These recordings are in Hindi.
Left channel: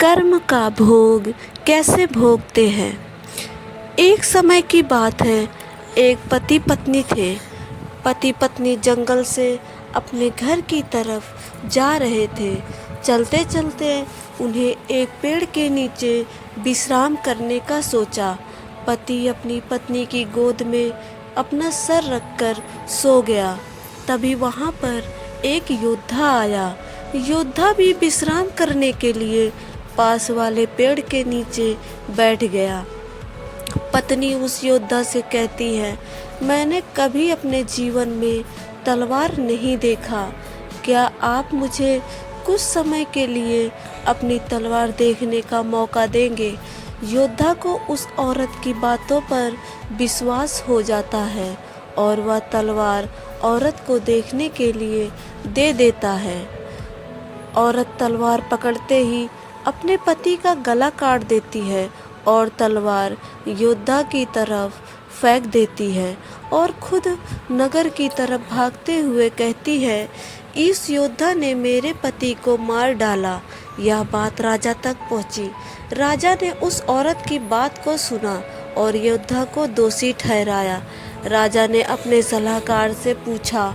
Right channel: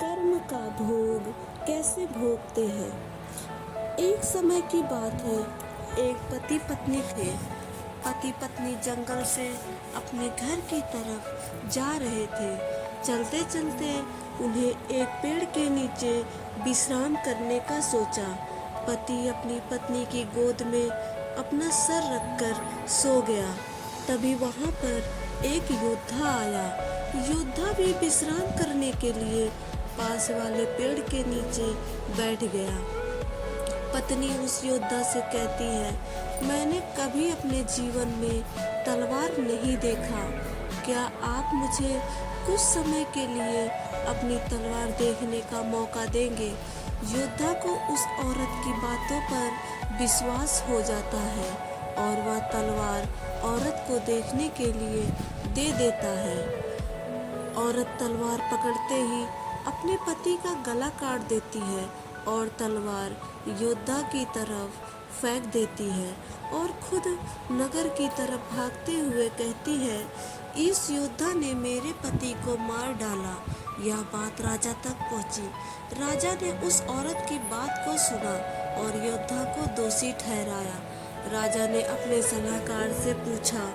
कर्म का भोग कैसे भोगते हैं। एक समय की बात है, एक पति पत्नी थे। पति पत्नी जंगल से अपने घर की तरफ जा रहे थे। चलते चलते उन्हें एक पेड़ के नीचे विश्राम करने का सोचा। पति अपनी पत्नी की गोद में अपना सर रखकर सो गया। तभी वहाँ पर एक योद्धा आया। योद्धा भी विश्राम करने के लिए पास वाले पेड़ के नीचे बैठ गया। पत्नी उस योद्धा से कहती है, मैंने कभी अपने जीवन में तलवार नहीं देखा। क्या आप मुझे कुछ समय के लिए अपनी तलवार देखने का मौका देंगे। योद्धा को उस औरत की बातों पर विश्वास हो जाता है और वह तलवार औरत को देखने के लिए दे देता है। औरत तलवार पकड़ते ही अपने पति का गला काट देती है और तलवार योद्धा की तरफ फेंक देती है और खुद नगर की तरफ भागते हुए कहती है, इस योद्धा ने मेरे पति को मार डाला। यह बात राजा तक पहुंची। राजा ने उस औरत की बात को सुना और योद्धा को दोषी ठहराया। राजा ने अपने सलाहकार से पूछा,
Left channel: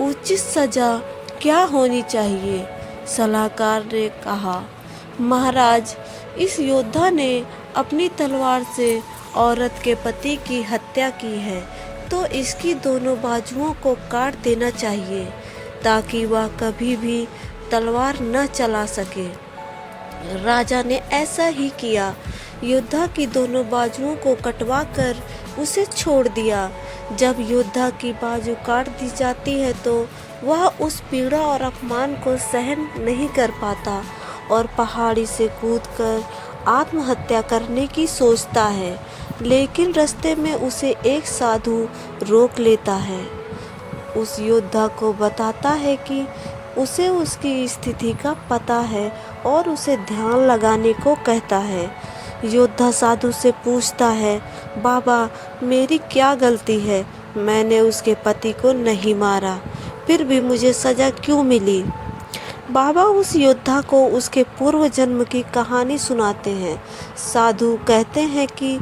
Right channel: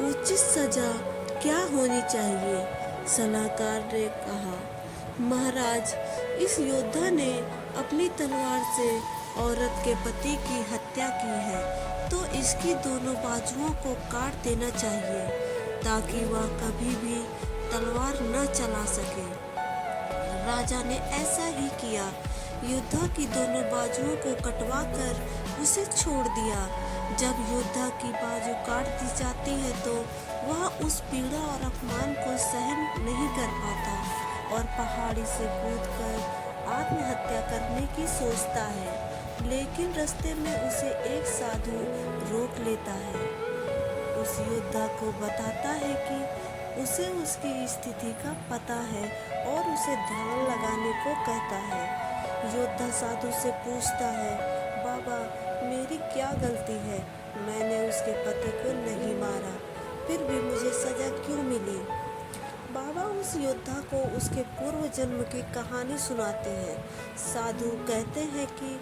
उचित सजा क्या होनी चाहिए। सलाहकार ने कहा, महाराज, इस योद्धा ने अपनी तलवार से औरत के पति की हत्या की है, तो इसकी दोनों बाजुओं को काट देना चाहिए ताकि वह कभी भी तलवार न चला सके। राजा ने ऐसा ही किया। योद्धा की दोनों बाजुओं को कटवा कर उसे छोड़ दिया। जब योद्धा की बाजू काट दी जाती है तो वह उस पीड़ा और अपमान को सहन नहीं कर पाता और पहाड़ी से कूदकर आत्महत्या करने की सोचता है। लेकिन रास्ते में उसे एक साधु रोक लेता है। उस योद्धा को बताता है कि उसे उसकी स्थिति का पता है और उसे ध्यान लगाने को कहता है। योद्धा साधु से पूछता है, बाबा, मेरी क्या गलती है। मैंने उसके पति को नहीं मारा, फिर भी मुझे सजा क्यों मिली। बाबा उस योद्धा को उसके पूर्व जन्म की कहानी सुनाते हैं। साधु कहते हैं कि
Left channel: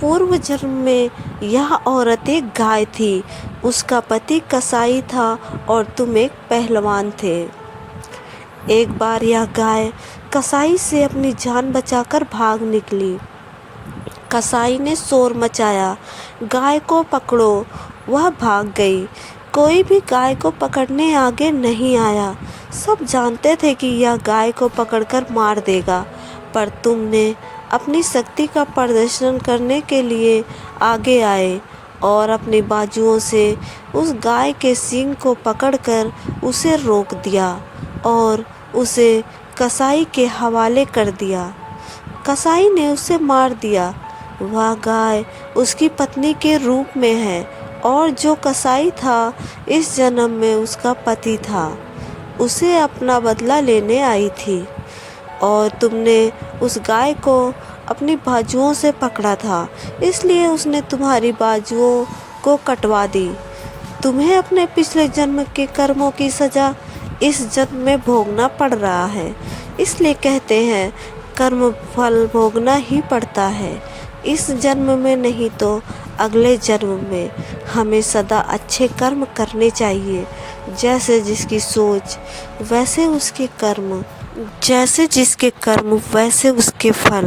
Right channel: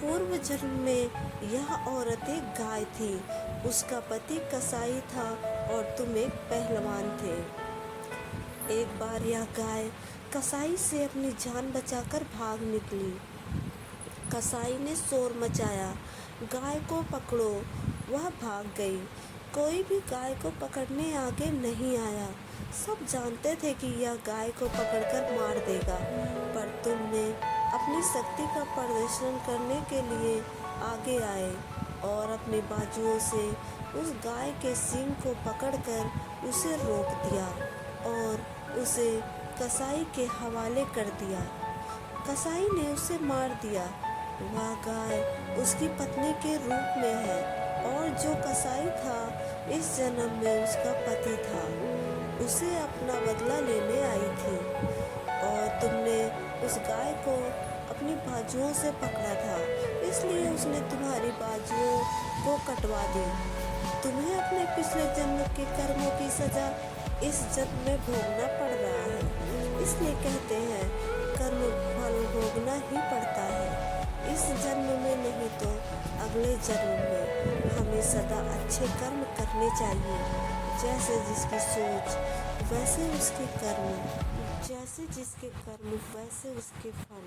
पूर्व जन्म में यह औरत एक गाय थी। उसका पति कसाई था और तुम एक पहलवान थे। एक बार यह गाय कसाई से अपनी जान बचाकर भाग निकली। कसाई ने शोर मचाया, गाय को पकड़ो। वह भाग गई। कोई भी गाय को पकड़ने आगे नहीं आया। सब जानते थे कि यह गाय को पकड़कर मार देगा, पर तुमने अपनी शक्ति का प्रदर्शन करने के लिए आगे आए और अपनी बाजुओं से उस गाय के सींग को पकड़कर उसे रोक दिया और उसे कसाई के हवाले कर दिया। कसाई ने उसे मार दिया। वह गाय उसकी पत्नी के रूप में है और जो कसाई था इस जन्म में उसका पति था। उसे अपना बदला लेने आई थी और तुमने उस गाय को अपनी बाजुओं से पकड़ा था, इसलिए उसने तुम्हारी बाजुओं को कटवा दी। तुम्हें अपने पिछले जन्म के कर्मों की सजा इस जन्म में भोगना पड़ रहा है। इसलिए कहते हैं, कर्म फल भोगना ही पड़ता है। इस जन्म में नहीं तो अगले जन्म में हमें सदा अच्छे कर्म करने चाहिए। जैसे जिसकी सोच वैसे उसके कर्म, जैसे जिसके कर्म वैसे उसके फल।